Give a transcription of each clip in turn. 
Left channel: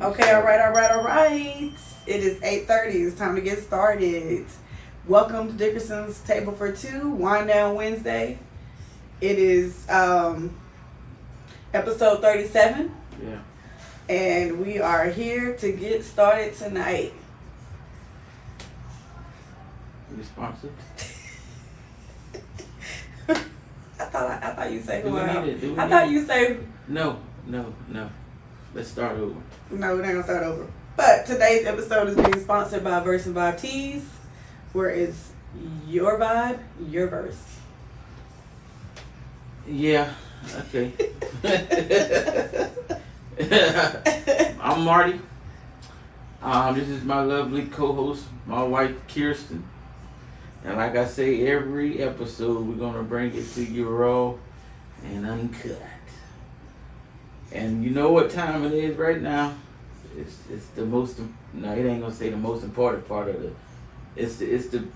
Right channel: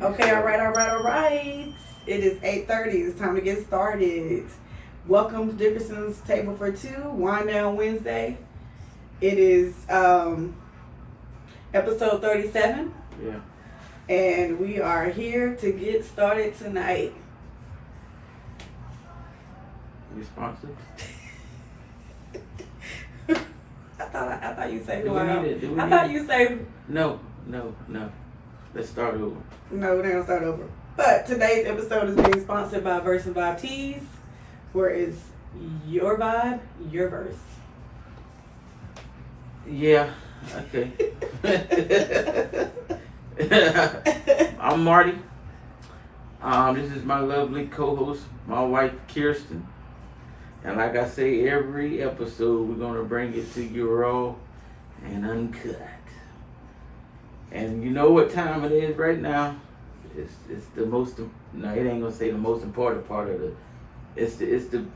Okay, all right. It is 8:30. It's time to get started. Welcome to Dickerson's Table for Two, Wind Down Wednesday. It is episode 37. Yeah. And we are here to get started tonight. You sponsored? I thought you say Do we need it? I thought you say No. Let's start over. no, we're not gonna start over. But today's episode is being sponsored by Verse and Vibe Tees, where it's your vibe, your verse. Yeah. Okay. I'm Marty. This is my lovely co-host, my wife Kirsten. And like I say, every episode we're gonna bring it to you raw and uncut. And you know what time it is right now? It's the most. No, it ain't gonna say the most important part of the. It's the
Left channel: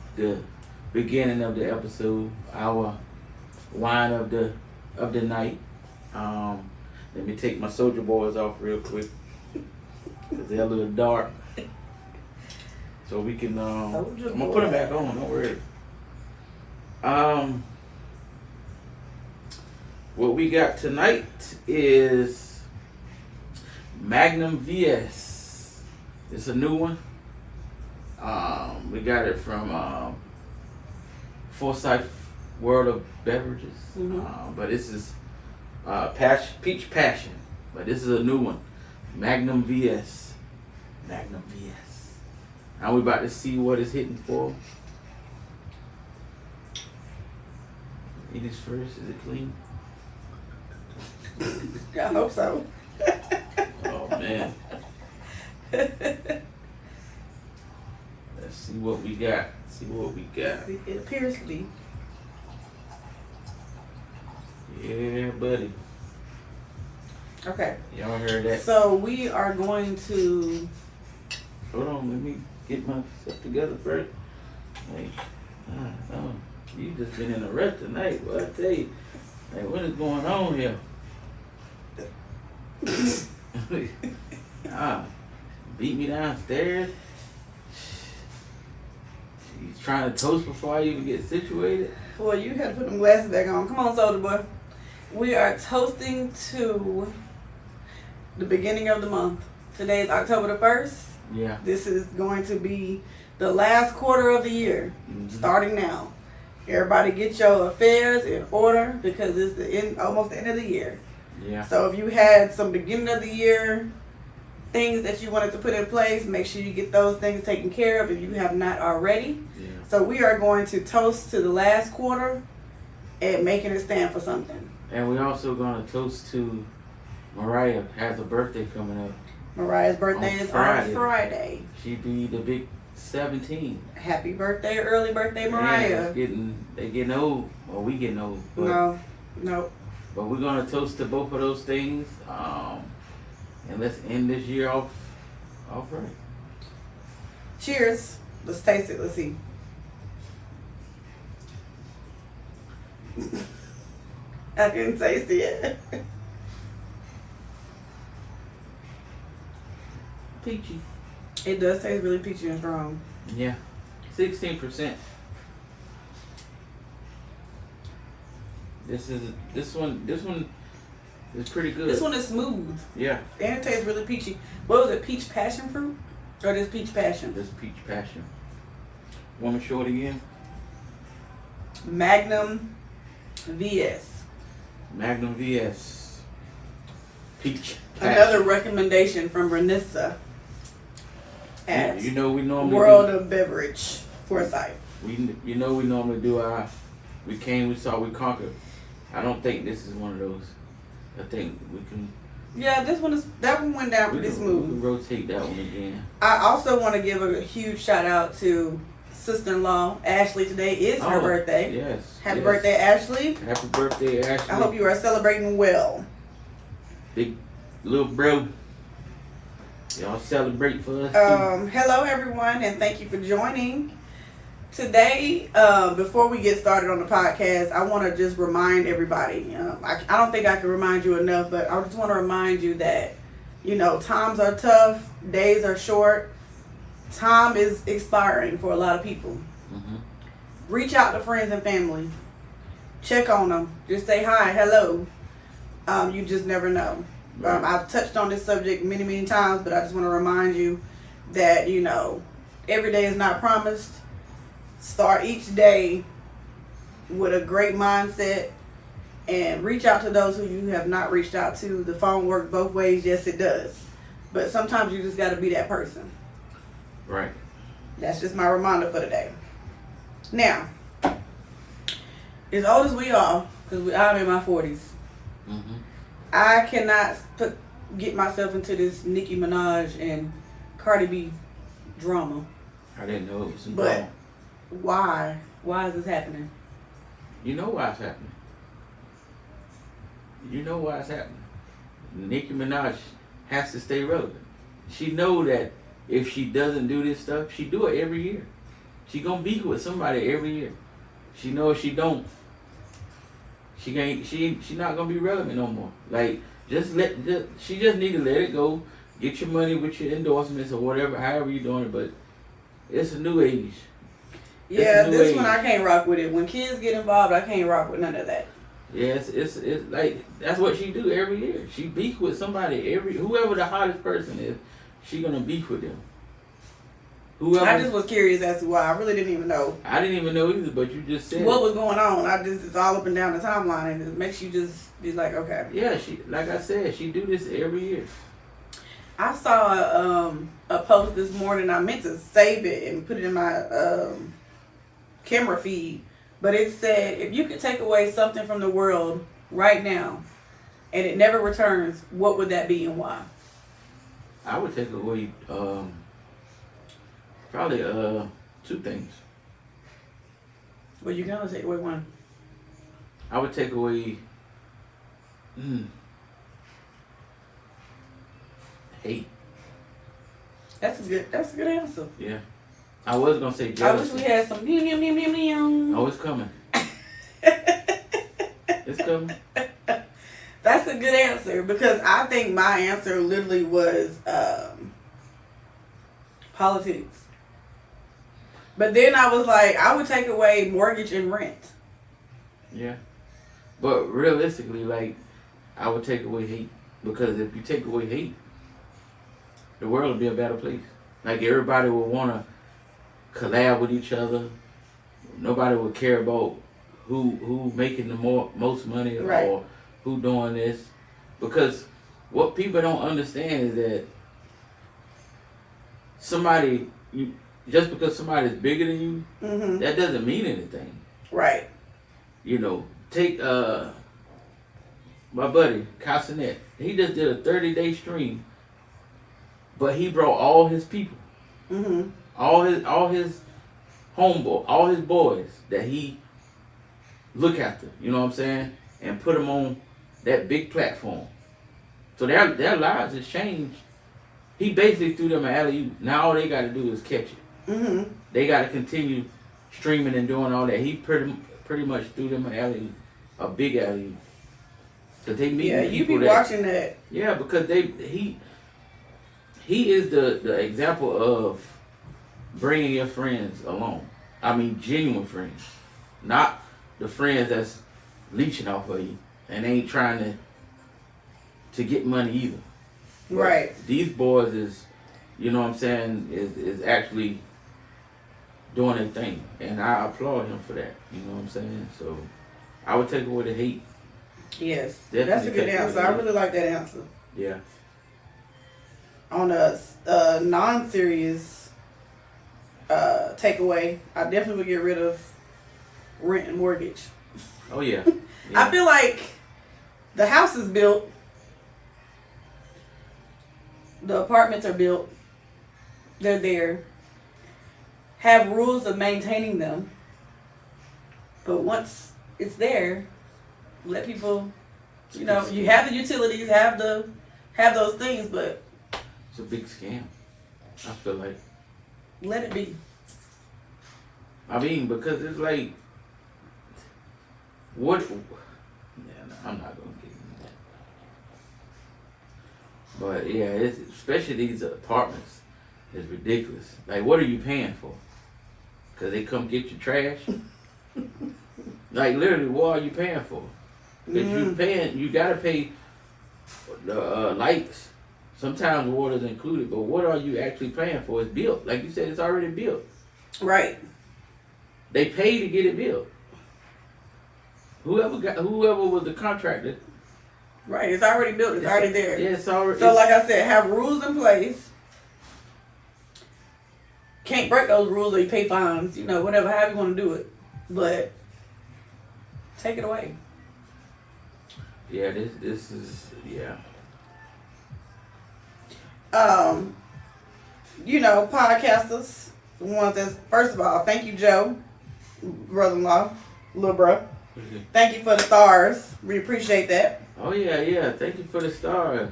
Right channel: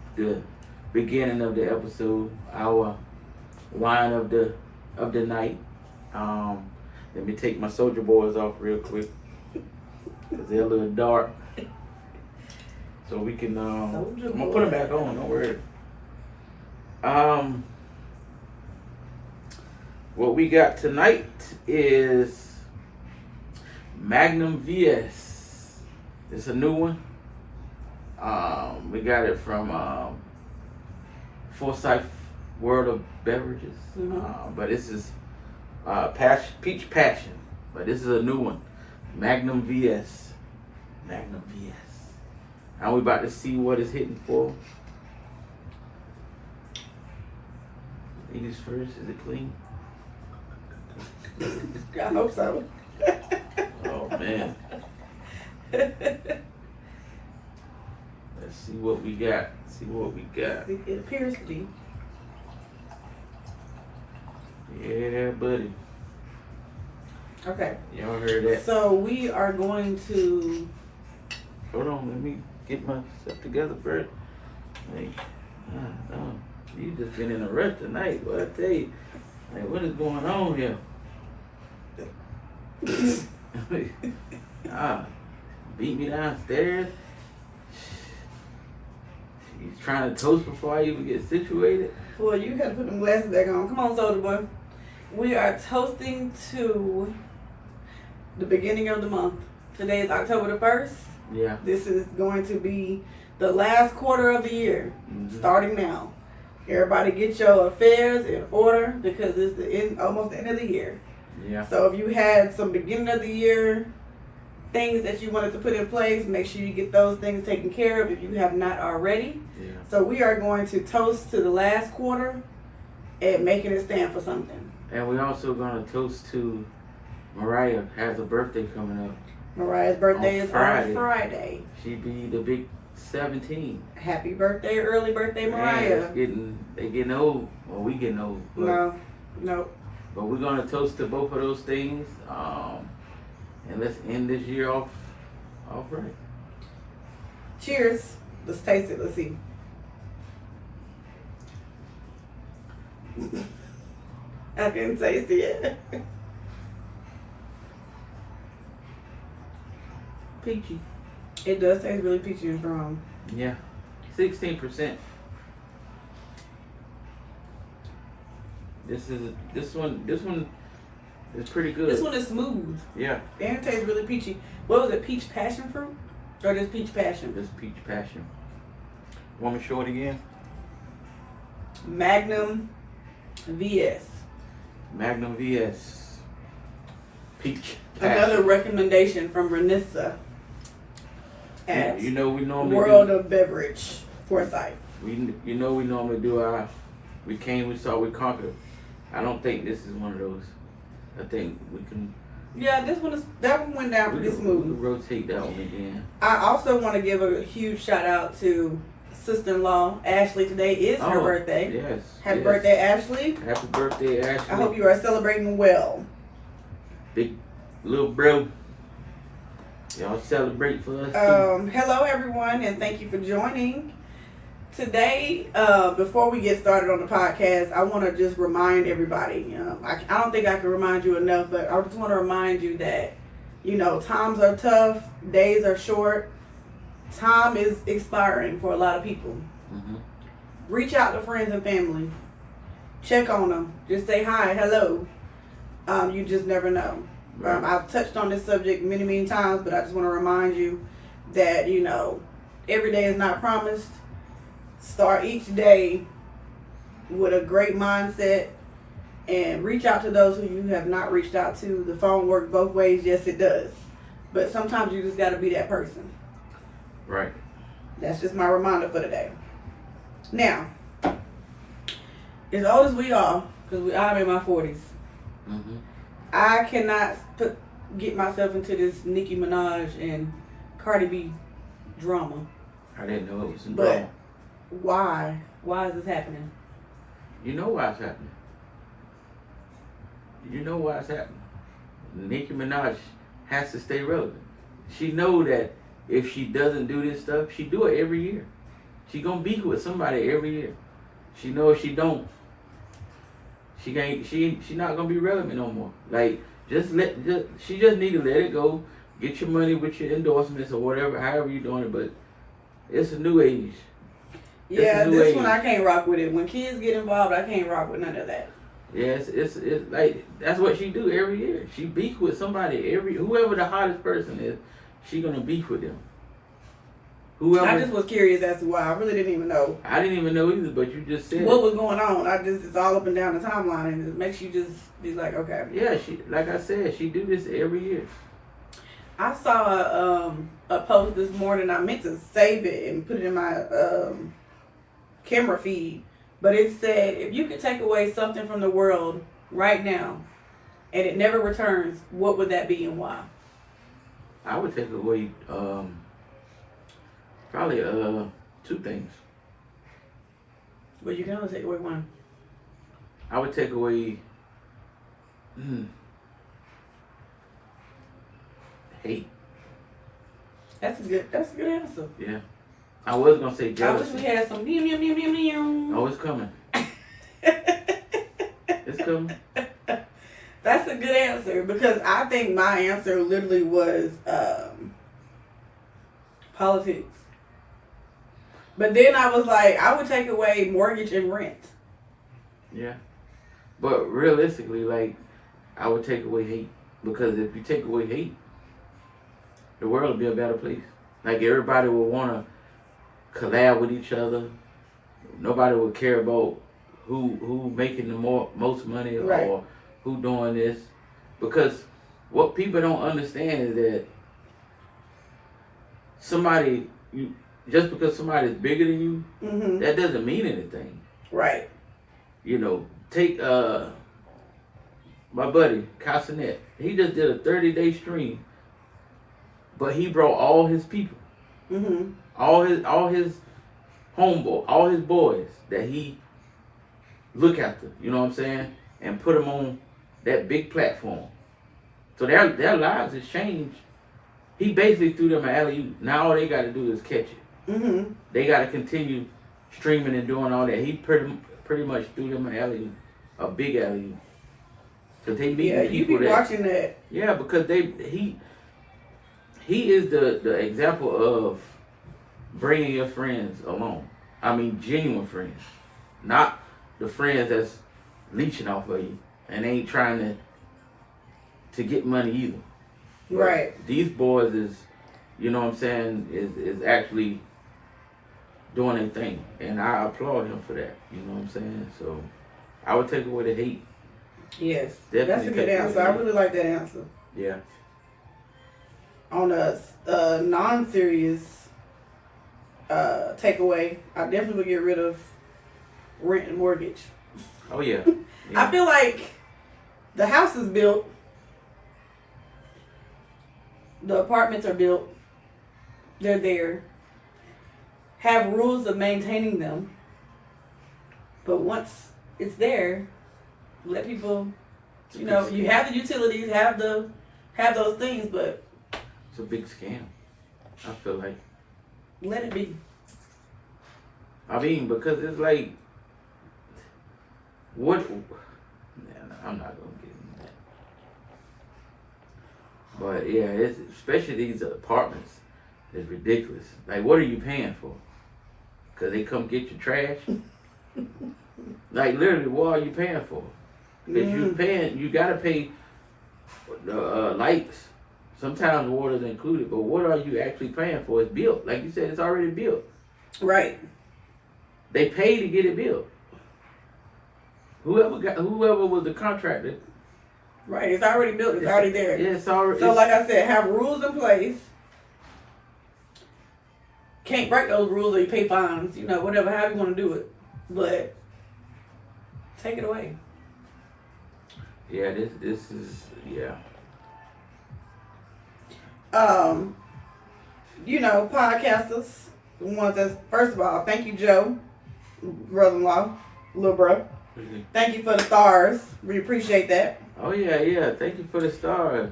beginning of the episode. Our wine of the night. Let me take my Soldier Boys off real quick, cause they're a little dark. So we can. I'm gonna put them back on. Don't worry. What we got tonight is Magnum VS. It's a new one. We got it from Forsyth World of Beverages. Mm-hmm. But this is Peach Passion. But this is a new one. Magnum VS. Magnum VS. And we about to see what it's hitting for. Eat this first. Is it clean? I hope so. Oh man. Let's see what we got. It appears to be. Yeah, buddy. Okay. Y'all heard that? So we are going to. Hold on, let me get myself together first. Like, you just been in a rush tonight. Well, I tell you, like, what is going on here? Beat me downstairs. He's trying to toast before I even get situated. Well, you got to put them glasses back on. Come on, Soldier Boy. We are toasting to the beginning of the month. Today is October the 1st. Yeah. This is going to be the last quarter of the year, starting now. Everybody get your affairs in order because it's almost the end of the year. Yeah. So if you had some beginning of the year things that you wanted to put in place, make sure you get those things taken care of if you have not already. Yeah. So we are going to toast to the last quarter and making it stand for something. And we're also going to toast to Mariah. Has a birthday coming up. Mariah's birthday is on Friday. She be the big 17. Happy birthday, early birthday, Mariah. They getting old. Well, we getting old. But, No. But we're going to toast to both of those things. And let's end this year off right. Cheers. Let's taste it. Let's see. I can taste it. Peachy. It does taste really peachy and strong. Yeah. 16%. This one is pretty good. This one is smooth. Yeah. And it tastes really peachy. What was it? Peach passion fruit? Or just peach passion? This peach passion. Want me to show it again? Magnum VS. Magnum VS. Peach passion. Another recommendation from Renissa at we normally World of Beverage Forsyth. We normally do our we came, we saw, we conquered. I don't think this is one of those. I think we can. Yeah, that one went down pretty smooth. We can rotate that one again. I also want to give a huge shout out to sister-in-law Ashley. Today is her birthday. Yes. Happy birthday, Ashley. Happy birthday, Ashley. I hope you are celebrating well. Big little bro. Y'all celebrate for us. Hello everyone, and thank you for joining. Today, before we get started on the podcast, I want to just remind everybody. I don't think I can remind you enough, but I just want to remind you that You know, times are tough, days are short, time is expiring for a lot of people. Mm-hmm. Reach out to friends and family. Check on them. Just say hi, hello. You just never know. Right. I've touched on this subject many, many times, but I just want to remind you that, you know, every day is not promised. Start each day with a great mindset and reach out to those who you have not reached out to. The phone works both ways. Yes, it does. But sometimes you just got to be that person. Right. That's just my reminder for today. Now, as old as we are, because I'm in my 40s, Mm-hmm. I cannot get myself into this Nicki Minaj and Cardi B drama. I didn't know it was some But drama. why? Why is this happening? You know why it's happening. You know why it's happening. Nicki Minaj has to stay relevant. She know that if she doesn't do this stuff, she do it every year. She gonna be with somebody every year. She know if she don't, she not gonna be relevant no more. Like she just need to let it go. Get your money with your endorsements or whatever, however you doing it. But it's a new age. Yeah, a new this age. one I can't rock with it. When kids get involved, I can't rock with none of that. Yeah, it's like that's what she do every year. She beef with somebody whoever the hottest person is, she gonna beef with them. Whoever. I just was curious as to why. I really didn't even know I didn't even know either, but you just said what was going on. It's all up and down the timeline, and it makes you just be like, okay. Yeah, like I said, she do this every year. I saw a post this morning. I meant to save it and put it in my camera feed, but it said, if you could take away something from the world right now and it never returns, what would that be and why? I would take away probably two things. Well, you can only take away one. I would take away hate. That's a good answer. Yeah. I was gonna say I wish jealousy. we had some Oh, it's coming. It's coming. That's a good answer, because I think my answer literally was politics. But then I was like, I would take away mortgage and rent. Yeah. But realistically, like, I would take away hate. Because if you take away hate, the world will be a better place. Like, everybody will want to collab with each other. Nobody will care about who making the most money, right, or who doing this. Because what people don't understand is that just because somebody's bigger than you, mm-hmm, that doesn't mean anything. Right. You know, take my buddy Casanet. He just did a 30-day stream, but he brought all his people, mm-hmm, all his homeboy, all his boys that he look after. You know what I'm saying? And put them on that big platform. So their lives has changed. He basically threw them an alley-oop. Now all they got to do is catch it. mm-hmm. They got to continue streaming and doing all that. He pretty much threw them an alley-oop, a big alley-oop. Cause they meet Yeah, you people be watching that. Yeah, because he is the example of bringing your friends along. I mean, genuine friends, not the friends that's leeching off of you and ain't trying to get money either. But right. These boys is, you know what I'm saying, is actually doing their thing, and I applaud him for that. You know what I'm saying? So I would take away the hate. Yes, Definitely that's a good answer. I really like that answer. Yeah. On a non-serious takeaway, I definitely would get rid of rent and mortgage. Oh yeah. I feel like the house is built, the apartments are built, they're there, have rules of maintaining them, but once it's there, let people, you know, you have the utilities, have those things, but it's a big scam. I feel like. let it be. I mean, because it's like, what? Yeah, no, I'm not gonna get into that. But yeah, it's especially these apartments. It's ridiculous. Like, what are you paying for? Cause they come get your trash. Like literally, what are you paying for? Cause you gotta pay the lights. Sometimes water's included, but what are you actually paying for? It's built. Like you said, it's already built. Right. They pay to get it built. Whoever was the contractor. Right. It's already built. It's already there. Yeah, it's already. So, like I said, have rules in place. Can't break those rules or you pay fines. You know, whatever, however you want to do it. But take it away. Yeah, this is yeah. You know, podcasters, the ones that's, first of all, thank you, Joe, brother-in-law, little bro. Thank you for the stars. We appreciate that. Oh yeah. Thank you for the stars.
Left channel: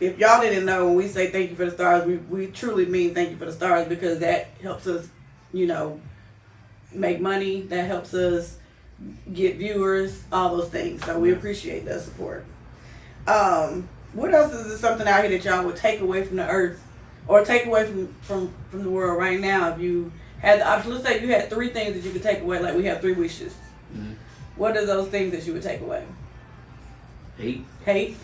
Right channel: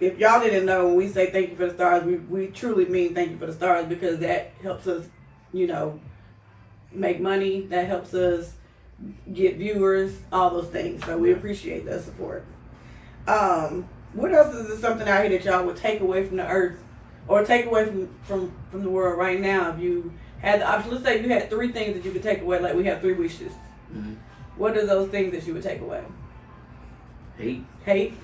If y'all didn't know, when we say thank you for the stars, we truly mean thank you for the stars, because that helps us, you know, make money. That helps us get viewers, all those things. So we appreciate that support. What else is there something out here that y'all would take away from the earth, or take away from the world right now? If you had the option, let's say you had 3 things that you could take away, like we have 3 wishes. Mm-hmm. What are those things that you would take away? Hate.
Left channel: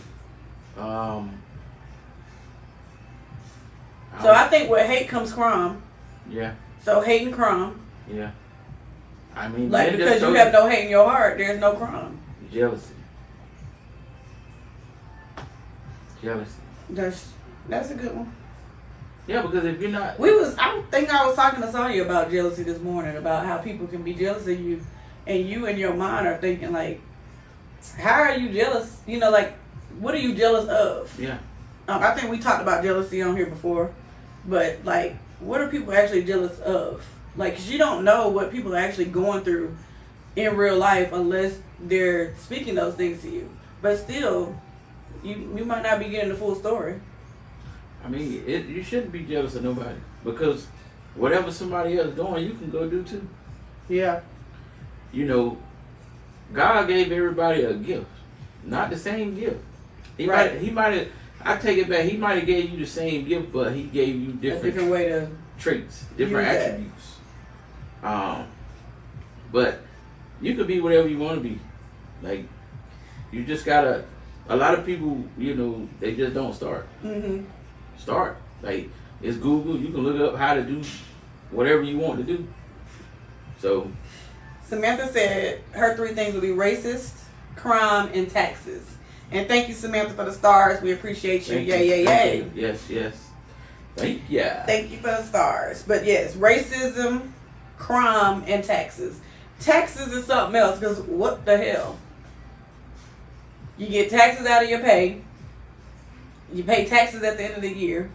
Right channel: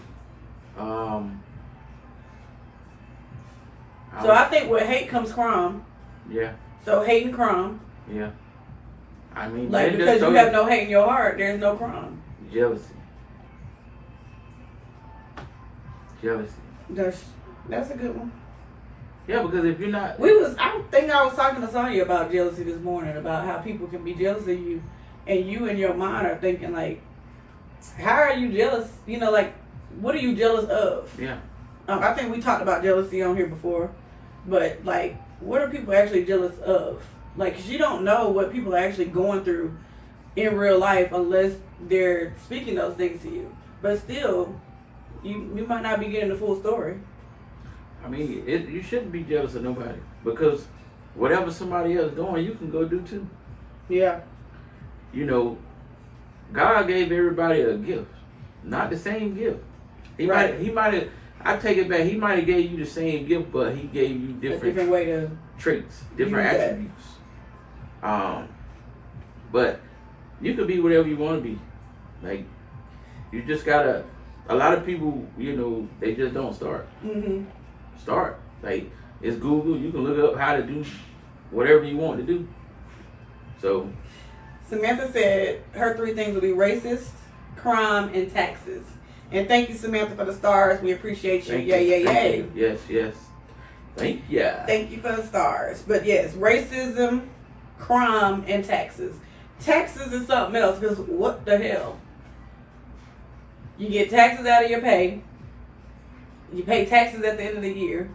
So I think with hate comes crime. Yeah. So hate and crime. Yeah. I mean, like, because you have no hate in your heart, there's no crime. Jealousy. That's a good one. Yeah, because if you're not, I think I was talking to Sonya about jealousy this morning, about how people can be jealous of you, and you in your mind are thinking like, how are you jealous? You know, like, what are you jealous of? Yeah. I think we talked about jealousy on here before, but like, what are people actually jealous of? Like, 'cause you don't know what people are actually going through in real life unless they're speaking those things to you. But still, you might not be getting the full story. I mean, you shouldn't be jealous of nobody, because whatever somebody else doing, you can go do too. Yeah. You know, God gave everybody a gift, not the same gift. He might have. I take it back. He might have gave you the same gift, but he gave you different way to traits, different attributes. But you could be whatever you want to be. Like, you just gotta. A lot of people, you know, they just don't start. Mm-hmm. Start. Like, it's Google. You can look up how to do whatever you want to do. So, Samantha said her 3 things would be racist, crime, and taxes. And thank you, Samantha, for the stars. We appreciate you. Yay. Yes. Thank you. Thank you for the stars. But yes, racism, crime, and taxes. Taxes is something else, because what the hell? You get taxes out of your pay. You pay taxes at the end of the year.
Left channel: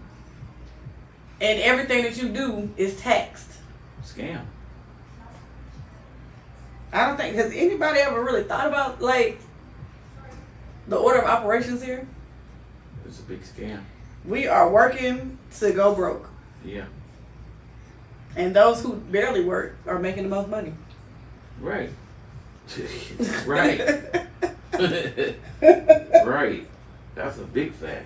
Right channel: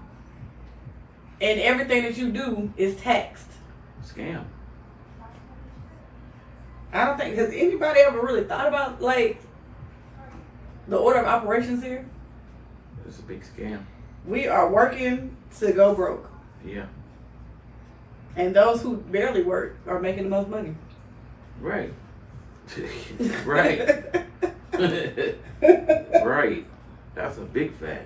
And everything that you do is taxed. Scam. I don't think, has anybody ever really thought about, like, the order of operations here? It's a big scam. We are working to go broke. Yeah. And those who barely work are making the most money. Right. Right. Right. That's a big fact.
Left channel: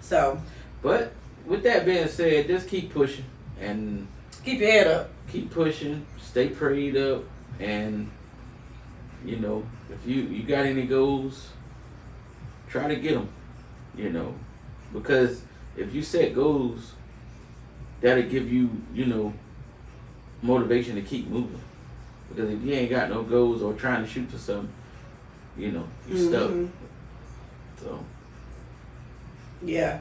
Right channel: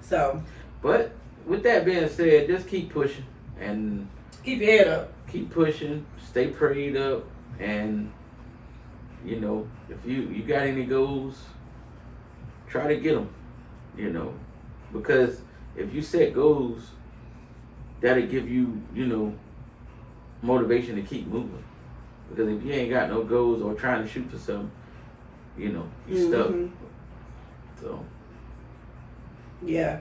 So. But with that being said, just keep pushing and keep your head up. Keep pushing. Stay prayed up, and you know, if you got any goals, try to get them. You know, because if you set goals, that'll give you, you know, motivation to keep moving. Because if you ain't got no goals or trying to shoot for something, you know, you're stuck. So. Yeah.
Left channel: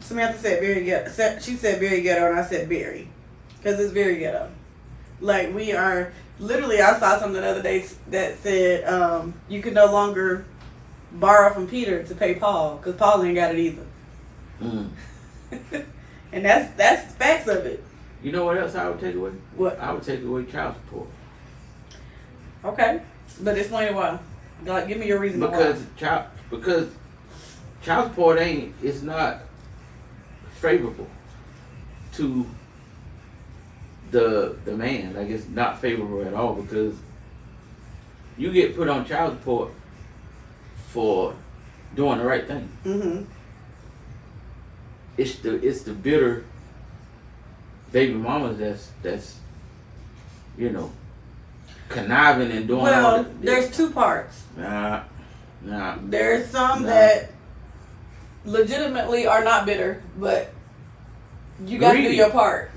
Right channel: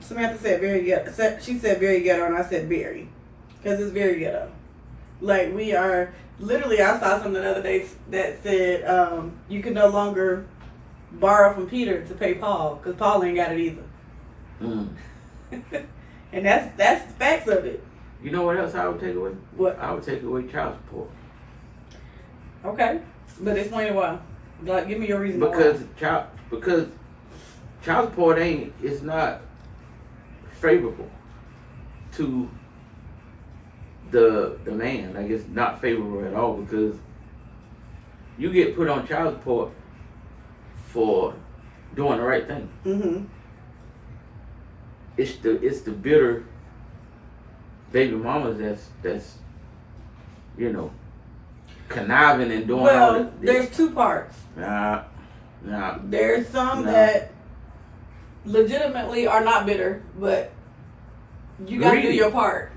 Samantha said very ghetto. She said very ghetto, and I said very. Because it's very ghetto. Like, we are, literally, I saw something the other day that said you can no longer borrow from Peter to pay Paul, because Paul ain't got it either. And that's the facts of it. You know what else I would take away? What? I would take away child support. Okay. But explain why. Like, give me your reason because why. Because child support it's not favorable to the man. Like, it's not favorable at all, because you get put on child support for doing the right thing. it's the bitter baby mamas that's conniving and doing all Well, that. there's two parts. Nah. There's some Nah. that legitimately are not bitter, but you got to do Greedy. your part.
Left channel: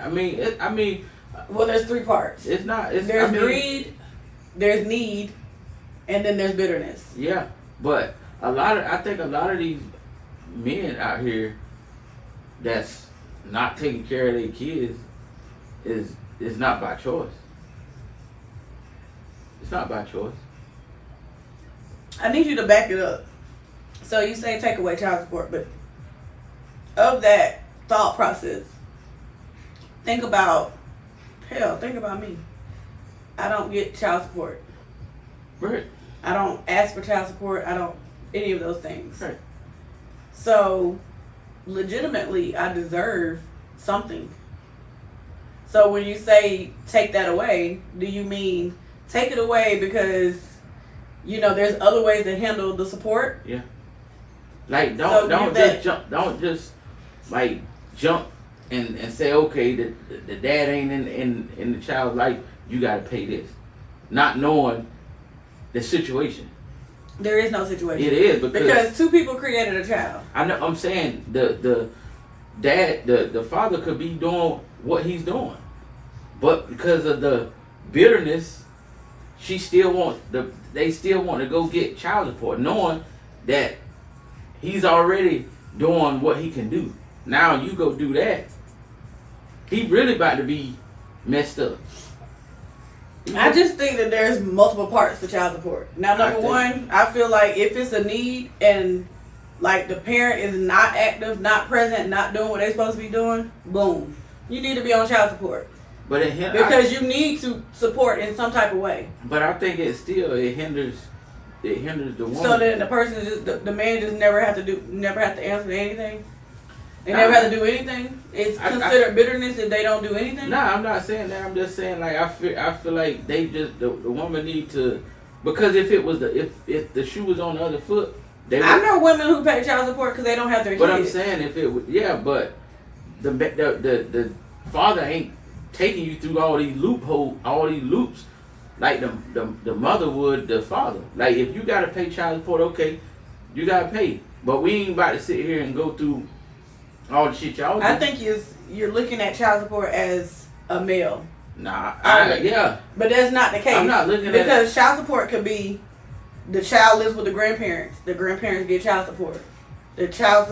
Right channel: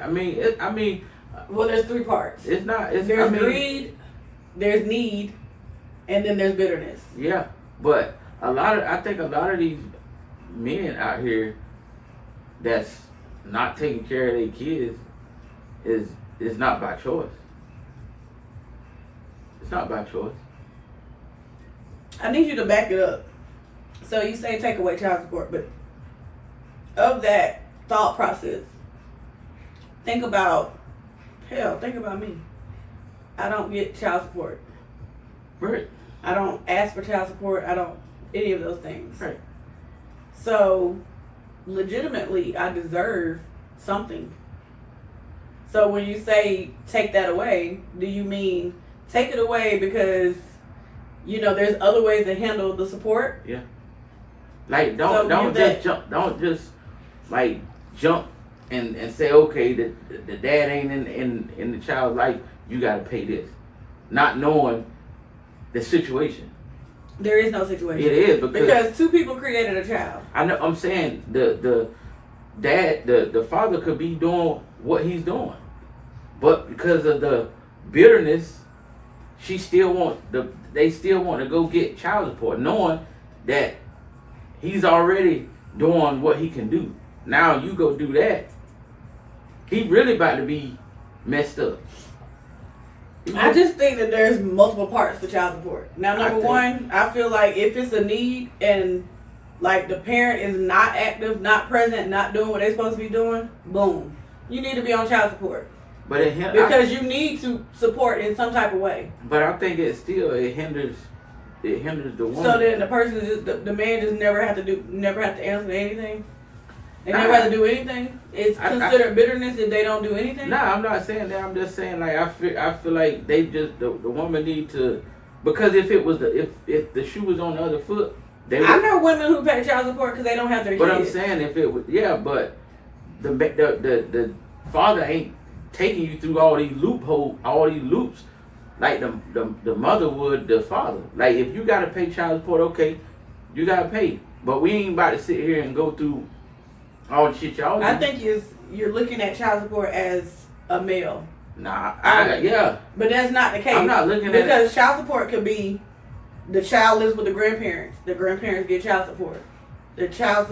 I mean, Well, there's three parts. it's not. There's greed, there's need, and then there's bitterness. Yeah, but I think a lot of these men out here that's not taking care of their kids is not by choice. It's not by choice. I need you to back it up. So you say take away child support, but of that thought process, think about me. I don't get child support. Right. I don't ask for child support. I don't any of those things. Right. So legitimately, I deserve something. So when you say take that away, do you mean take it away because there's other ways to handle the support? Yeah. Like So don't you just jump. Don't just like jump and say okay the dad ain't in the child's life. You got to pay this, not knowing the situation. There is no situation. It is because two people created a child. I know. I'm saying the dad, the father could be doing what he's doing, but because of the bitterness, they still want to go get child support, knowing that he's already doing what he can do. Now you go do that. He really about to be messed up. I just think that there's multiple parts to child support. Now, number one, I feel like if it's a need and like the parent is not active, not present, not doing what they're supposed to be doing, boom, you need to be on child support. But because you need to support in some type of way. But I think it hinders the woman. So that the person the man just never have to answer to anything. They never have to do anything. It's considered bitterness if they don't do anything. Nah, I'm not saying that. I'm just saying like I feel like they just the woman need to, because if it was if the shoe was on the other foot, I know women who pay child support because they don't have their but kids. I'm saying if it was but the father ain't taking you through all these loops like the mother would the father. Like if you gotta pay child support, okay, you gotta pay. But we ain't about to sit here and go through all the shit y'all do. I think you're looking at child support as a male. Nah, but that's not the case. I'm not looking at it because child support could be the child lives with the grandparents. The grandparents get child support. The child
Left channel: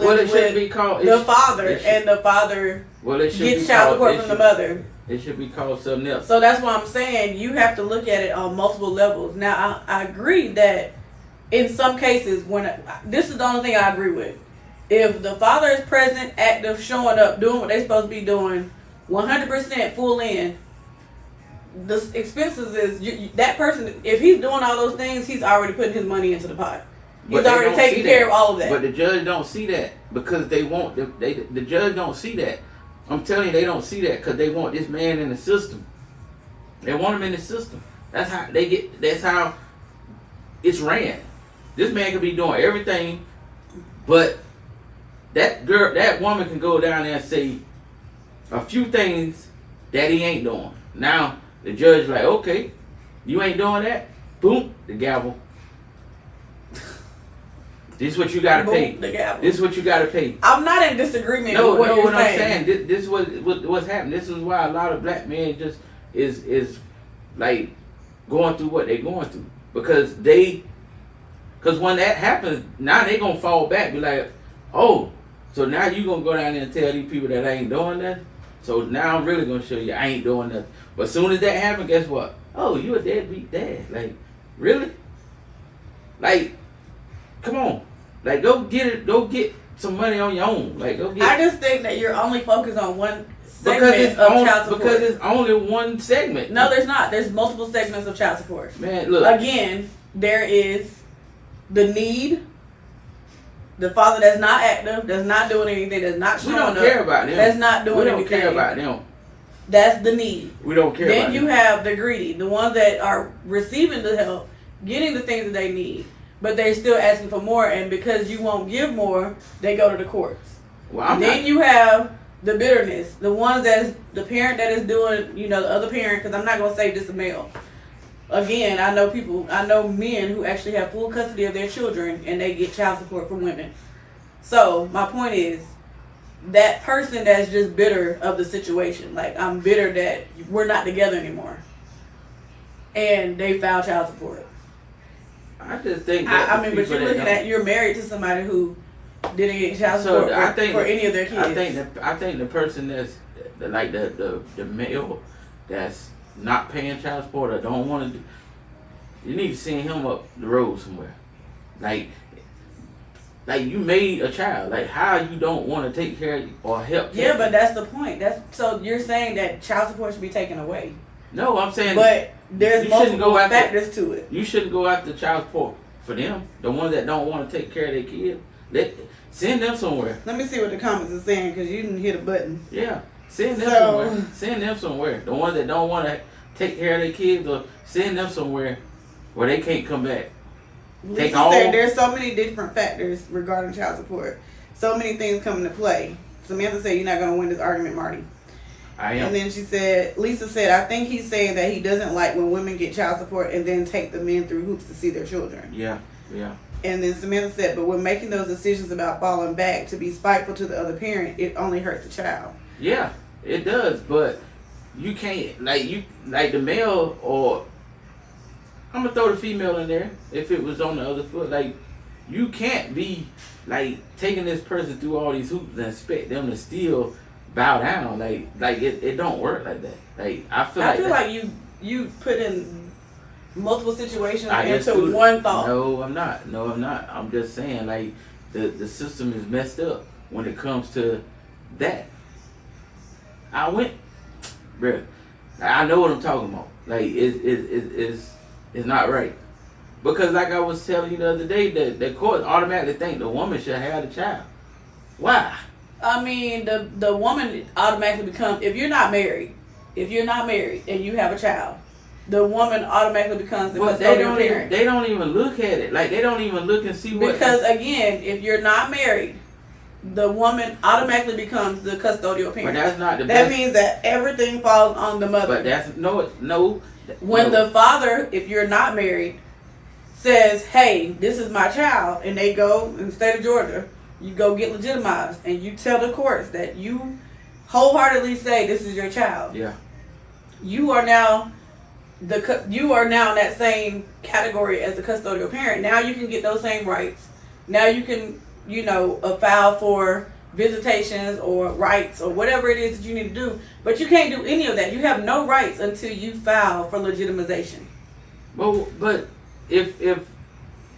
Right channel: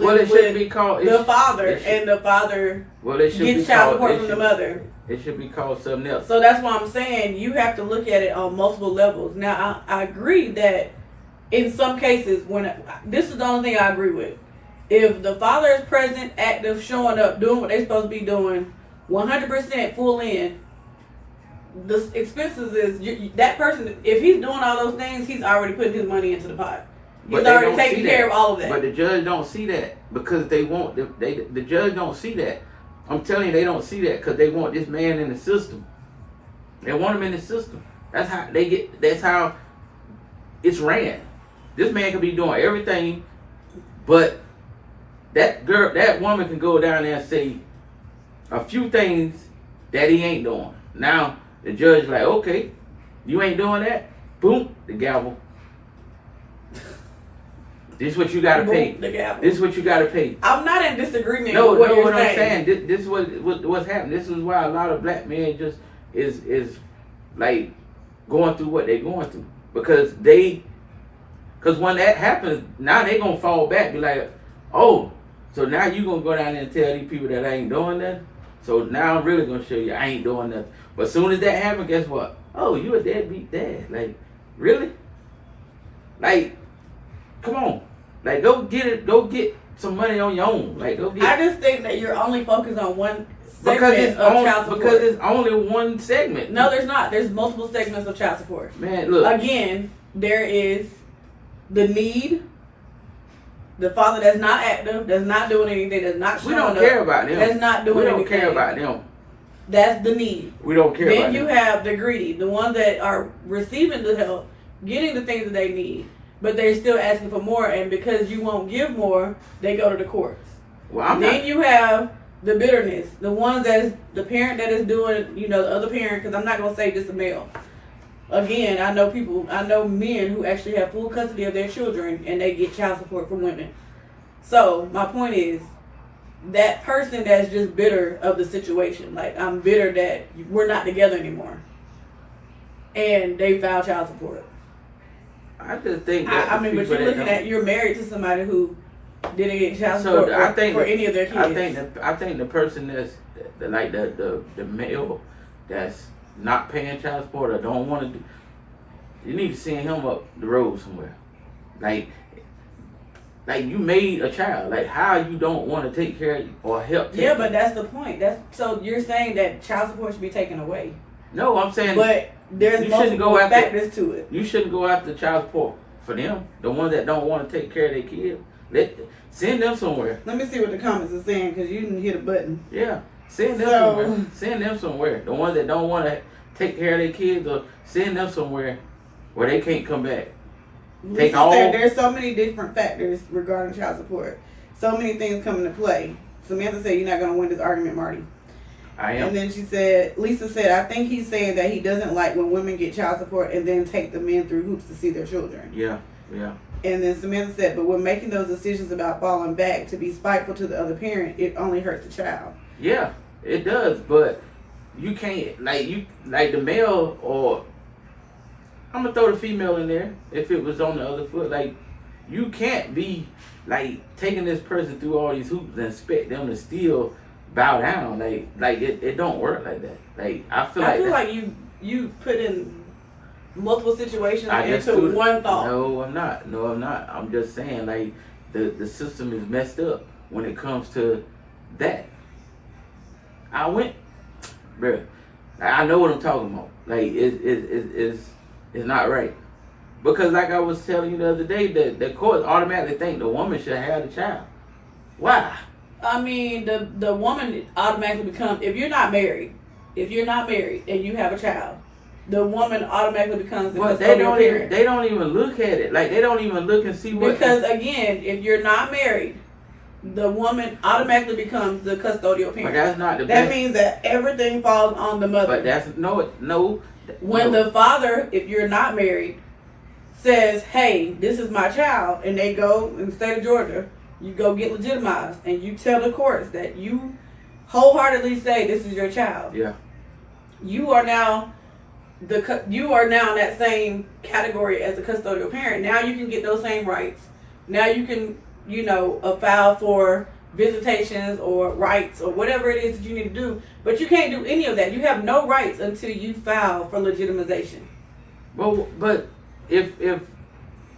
lives with the father, and the father gets child support from the mother. It should be called something else. So that's why I'm saying you have to look at it on multiple levels. Now, I agree that in some cases, this is the only thing I agree with. If the father is present, active, showing up, doing what they're supposed to be doing, 100% full in, the expenses is that person. If he's doing all those things, he's already putting his money into the pot. He's already taking care of all of that. But the judge don't see that because they want the judge don't see that. I'm telling you, they don't see that because they want this man in the system. They want him in the system. That's how they get. That's how it's ran. This man could be doing everything, but that woman can go down there and say a few things that he ain't doing. Now the judge like, okay, you ain't doing that. Boom, the gavel. This is what you gotta pay. The gavel. This is what you gotta pay. I'm not in disagreement with what you're what saying. I'm saying. This is what's happening. This is why a lot of black men just is like going through what they're going through because when that happens, now they gonna fall back, be like, oh, so now you gonna go down there and tell these people that I ain't doing nothing. So now I'm really gonna show you I ain't doing nothing. But as soon as that happens, guess what? Oh, you a deadbeat dad. Like, really? Like, come on. Like, go get some money on your own. Like, go get. I just think that you're only focused on one segment of child support. Because it's only one segment. No, there's not. There's multiple segments of child support. Man, look. Again, there is the need. The father that's not active, that's not doing anything, that's not showing up. We don't care about them. That's not doing anything. We don't care about them. That's the need. We don't care about them. Then you have the greedy, the ones that are receiving the help, getting the things that they need, but they're still asking for more, and because you won't give more, they go to the courts. Well, I'm then not. you have the bitterness, the ones that's the parent that is doing, you know, the other parent. Because I'm not gonna say this a male. Again, I know men who actually have full custody of their children and they get child support from women. So my point is, that person that's just bitter of the situation, like I'm bitter that we're not together anymore, and they file child support. I just think that I mean, but you're looking at, you're married to somebody who didn't get child So support I think for that- any of their kids. I think the person that's like the male that's not paying child support or don't want to do, you need to send him up the road somewhere. Like you made a child. Like how you don't want to take care of or help. Yeah, but that's the point. That's so you're saying that child support should be taken away. No, I'm saying. But there's you shouldn't multiple go after- factors to it. You shouldn't go after child support for them. The ones that don't want to take care of their kids, send them somewhere. Let me see what the comments are saying because you didn't hit a button. Yeah, send them So- somewhere. Send them somewhere. The ones that don't want to take care of their kids, or send them somewhere where they can't come back. Take Lisa all- said there's so many different factors regarding child support. So many things come into play. Samantha said, you're not going to win this argument, Marty. I am. And then Lisa said, I think he's saying that he doesn't like when women get child support and then take the men through hoops to see their children. Yeah. And then Samantha said, but when making those decisions about falling back to be spiteful to the other parent, it only hurts the child. Yeah, it does, but you can't like the male, or I'm gonna throw the female in there if it was on the other foot. Like you can't be like taking this person through all these hoops and expect them to still bow down. Like it don't work like that. Like I feel like you put in multiple situations just into do it. one thought. No, I'm not. I'm just saying like the system is messed up when it comes to that. Bruh, I know what I'm talking about. Like it's not right. Because like I was telling you the other day, the court automatically think the woman should have the child. Why? I mean, the woman automatically becomes, if you're not married and you have a child, the woman automatically becomes the But custodial parent. they don't even look at it. Like they don't even look and see what. Because again, if you're not married, the woman automatically becomes the custodial parent. But that's not the That best. means that everything falls on the mother. But that's no. When the father, if you're not married, says, hey, this is my child, and they go in the state of Georgia, you go get legitimized, and you tell the courts that you wholeheartedly say this is your child. Yeah. You are now in that same category as the custodial parent. Now you can get those same rights. Now you can, file for visitations or rights or whatever it is that you need to do. But you can't do any of that. You have no rights until you file for legitimization. Well, but if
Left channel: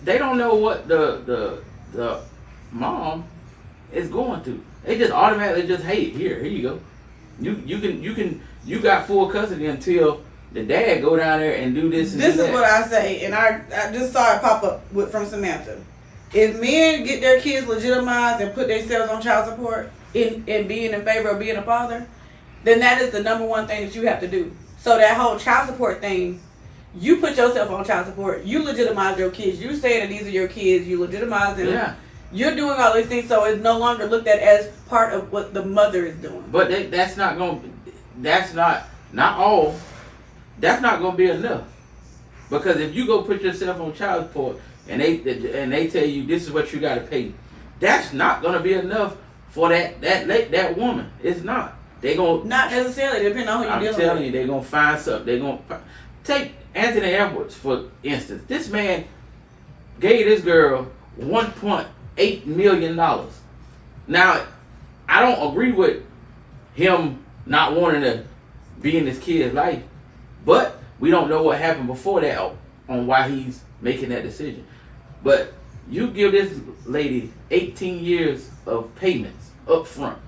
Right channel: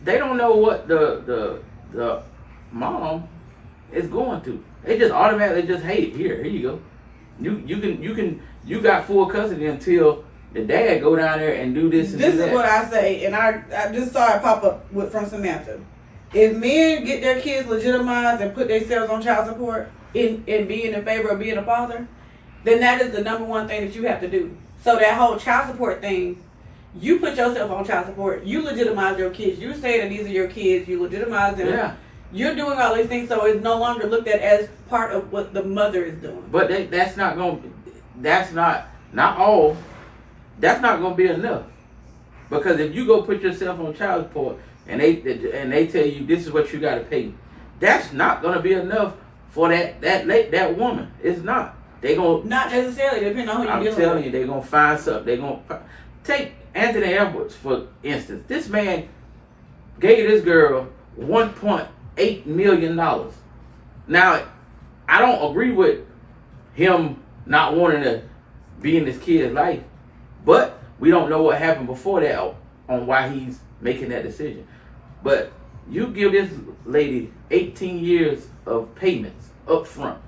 they don't know what the mom is going through, they just automatically just, hey, here you go. You got full custody until the dad go down there and do this and This do is that. what I say, and I just saw it pop up from Samantha. If men get their kids legitimized and put themselves on child support in being in favor of being a father, then that is the number one thing that you have to do. So that whole child support thing, you put yourself on child support, you legitimize your kids, you say that these are your kids, you legitimize them. Yeah. You're doing all these things, so it's no longer looked at as part of what the mother is doing. But that's not all. That's not gonna be enough. Because if you go put yourself on child support and they tell you this is what you gotta pay, that's not gonna be enough for that woman. It's not. They gonna Not necessarily, depending on who you're I'm dealing telling with. you, they're gonna find something. They're gonna take Anthony Edwards for instance. This man gave this girl $1.8 million. Now, I don't agree with him not wanting to be in this kid's life, but we don't know what happened before that on why he's making that decision. But you give this lady 18 years of payments up front.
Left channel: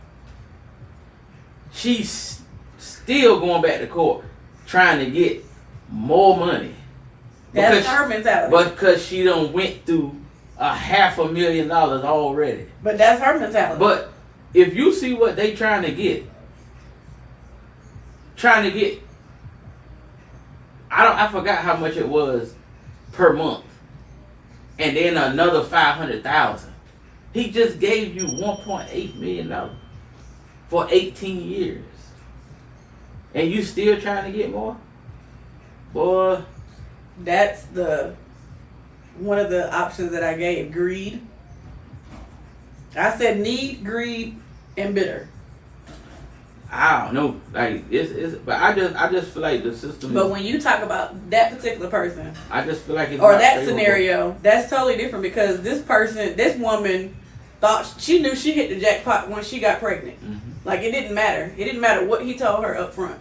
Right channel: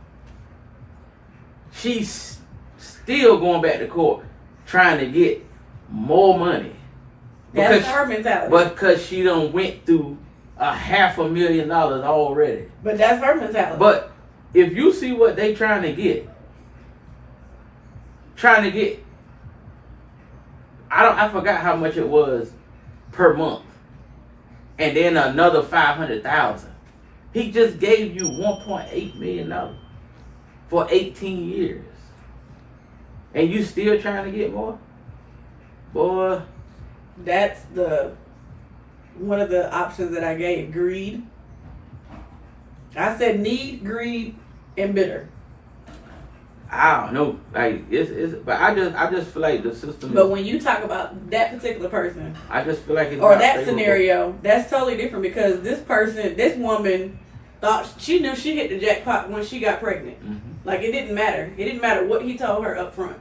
She's still going back to court trying to get more money. That's her mentality. But because she done went through $500,000 already. But that's her mentality. But if you see what they trying to get, I forgot how much it was per month, and then another 500,000. He just gave you $1.8 million for 18 years. And you still trying to get more? Boy. That's one of the options that I gave. Greed. I said need, greed, and bitter. I don't know. Like but I just feel like the system But when you talk about that particular person, I just feel like it's or not that favorable. scenario, that's totally different because this woman thought she knew she hit the jackpot when she got pregnant. Mm-hmm. Like it didn't matter. It didn't matter what he told her up front.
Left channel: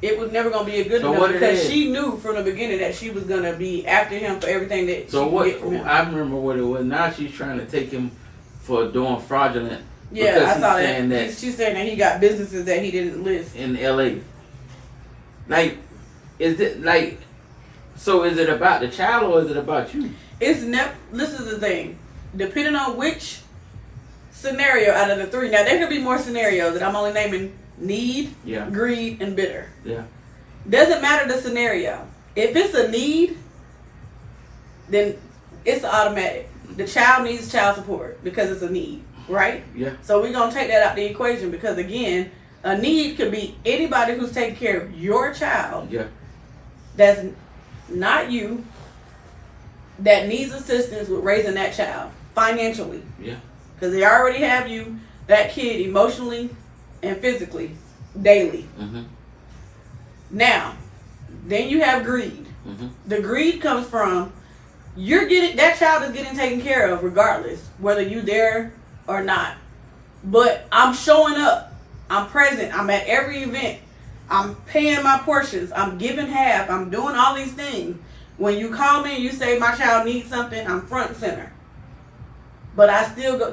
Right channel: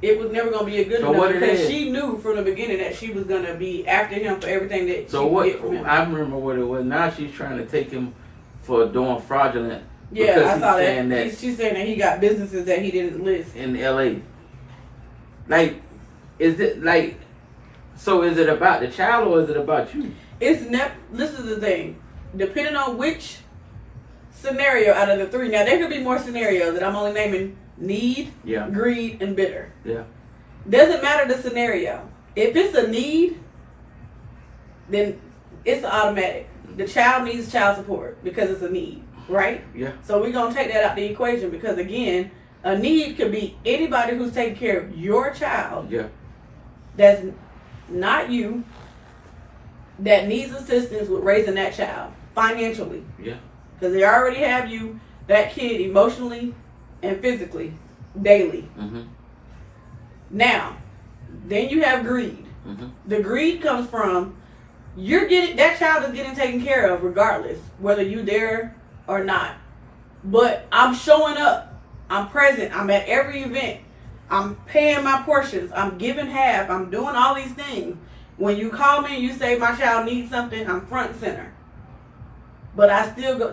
It was never gonna be a good So enough because she knew from the beginning that she was gonna be after him for everything that she could get from him. I remember what it was. Now she's trying to take him for doing fraudulent. Yeah, I saw saying that. She's saying that he got businesses that he didn't list in LA. Like, is it like? So is it about the child or is it about you? This is the thing. Depending on which scenario out of the three. Now there could be more scenarios that I'm only naming need, greed, and bitter. Yeah. Doesn't matter the scenario. If it's a need, then it's automatic. The child needs child support because it's a need, right? Yeah. So we're gonna take that out the equation because again, a need could be anybody who's taking care of your child. Yeah. That's not you. That needs assistance with raising that child financially. Yeah. Because they already have you, that kid, emotionally and physically, daily. Mm-hmm. Now, then you have greed. Mm-hmm. The greed comes from that child is getting taken care of regardless, whether you there or not. But I'm showing up. I'm present. I'm at every event. I'm paying my portions. I'm giving half. I'm doing all these things. When you call me and you say my child needs something, I'm front and center. But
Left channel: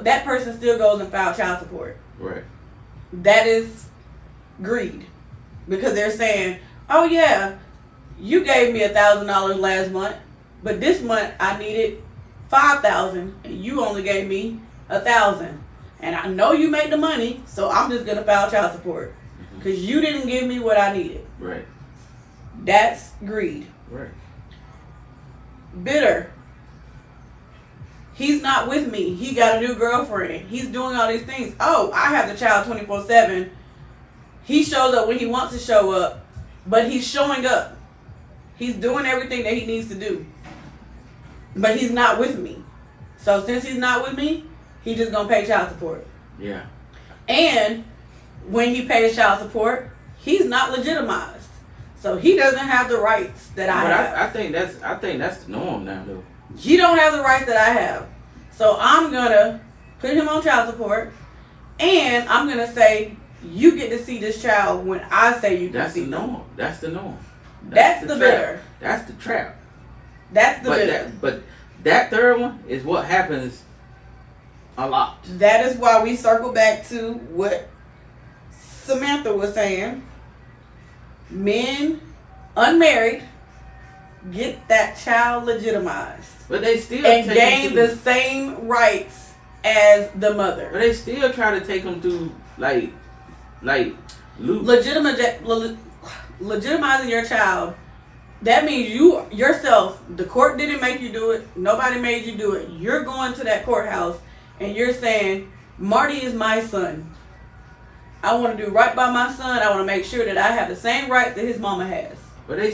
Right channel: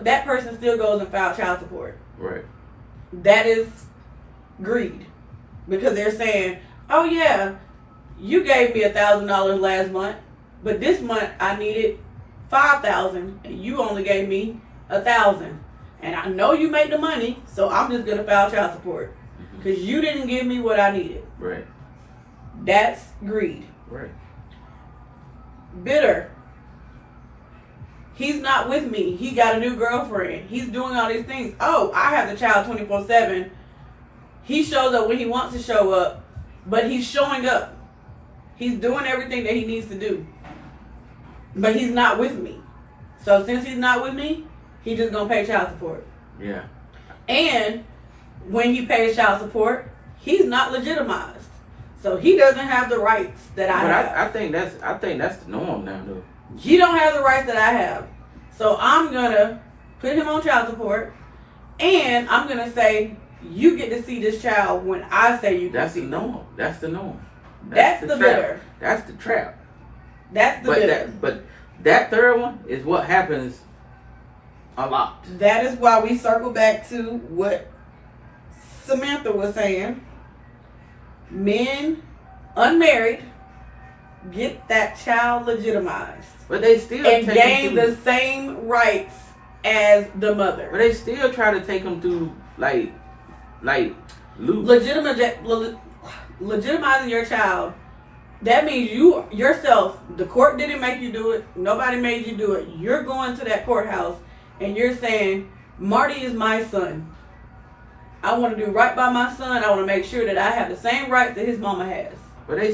that person still goes and files child support. Right. That is greed. Because they're saying, oh yeah, you gave me $1,000 last month, but this month I needed $5,000 and you only gave me $1,000. And I know you made the money, so I'm just gonna file child support. Because you didn't give me what I needed. Right. That's greed. Right. Bitter. He's not with me. He got a new girlfriend. He's doing all these things. Oh, I have the child 24/7. He shows up when he wants to show up, but he's showing up. He's doing everything that he needs to do. But he's not with me. So since he's not with me, he's just going to pay child support. Yeah. And when he pays child support, he's not legitimized. So he doesn't have the rights that I have. I think that's the norm now, though. He don't have the rights that I have. So I'm gonna put him on child support, and I'm gonna say you get to see this child when I say you can see them. That's the norm. That's the bitter. That's the trap. That's the bitter. But that third one is what happens a lot. That is why we circle back to what Samantha was saying. Men, unmarried, get that child legitimized. But they still and gain the same rights as the mother. But they still try to take them through like loop. Legitimizing your child. That means you yourself. The court didn't make you do it. Nobody made you do it. You're going to that courthouse and you're saying, Marty is my son. I want to do right by my son. I want to make sure that I have the same rights that his mama has. But they